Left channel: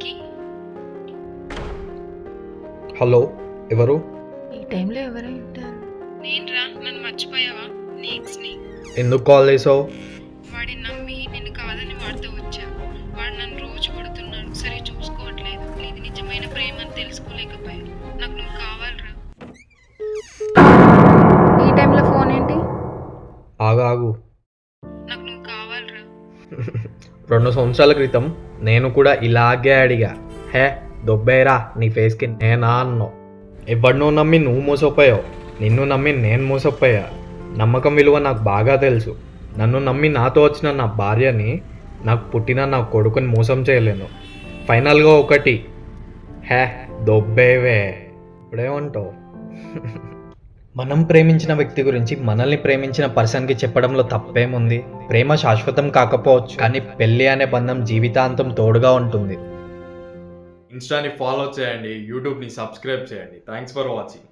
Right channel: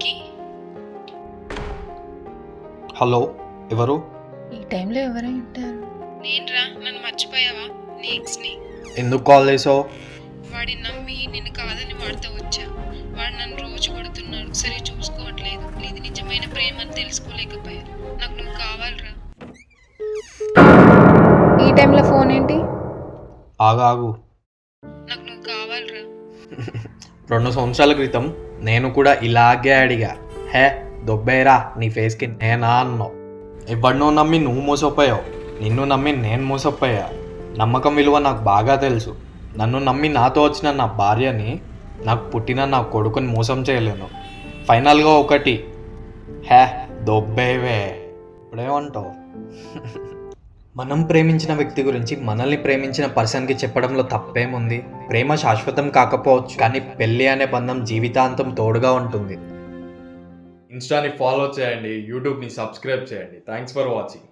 Venky. Hello, ఎవరు? ఈ టైంలో ఎవరై ఉంటారు? నేనురా, నన్ను మర్చిపోయావా? నీక్స్ని. ఎందుకు కాల్ చేసావు? వాడిని నమ్మి నిన్ను కాదని వాడితో వచ్చా. వాడు నన్ను రోజు కొడుతున్నాడు, సరే చూసుకోవట్లేదు. ఇది నిజమైన ప్రేమ అని తెలుసుకోలేకపోయా. నాకు నువ్వు కావాలిరా. ఈ టైంలో ఫోన్ ఏంటి? ఆగాగు. నాకు నువ్వు కావాలిరా. 2 సంవత్సరాల క్రితం నేను కూడా ఇలాగే అడిగా. హే దొబ్బేరా నీ ఫేస్కి నేనా అన్నావు. ఎవరినో నమ్మి నువ్వు మోసపోయావు, నిన్ను నమ్మి నేను మోసపోయా. నమ్మకం విలువ నాకు బాగా తెలుసు. నన్ను నమ్మి నాతో వచ్చిన నా భార్యని, నాకు పుట్టిన నా కొడుకుని మోసం చేయలేను. ఫైనల్గా ఒకటి, హే దొబ్బేవే. ఇప్పుడేమంటావు? మనం ప్రేమించిన వ్యక్తి గురించి మనల్ని ప్రేమించిన పర్సన్కి చెప్పడంలో తప్పేముంది? ప్రేమ శాశ్వతం కాకపోవచ్చు, కానీ పెళ్ళి అనే బంధం జీవితాంతం తోడుగా ఉంటుంది. ఇన్స్టాని ఫాలో చేయండి, యూట్యూబ్ని సబ్స్క్రైబ్ చేయండి. Thanks for watching.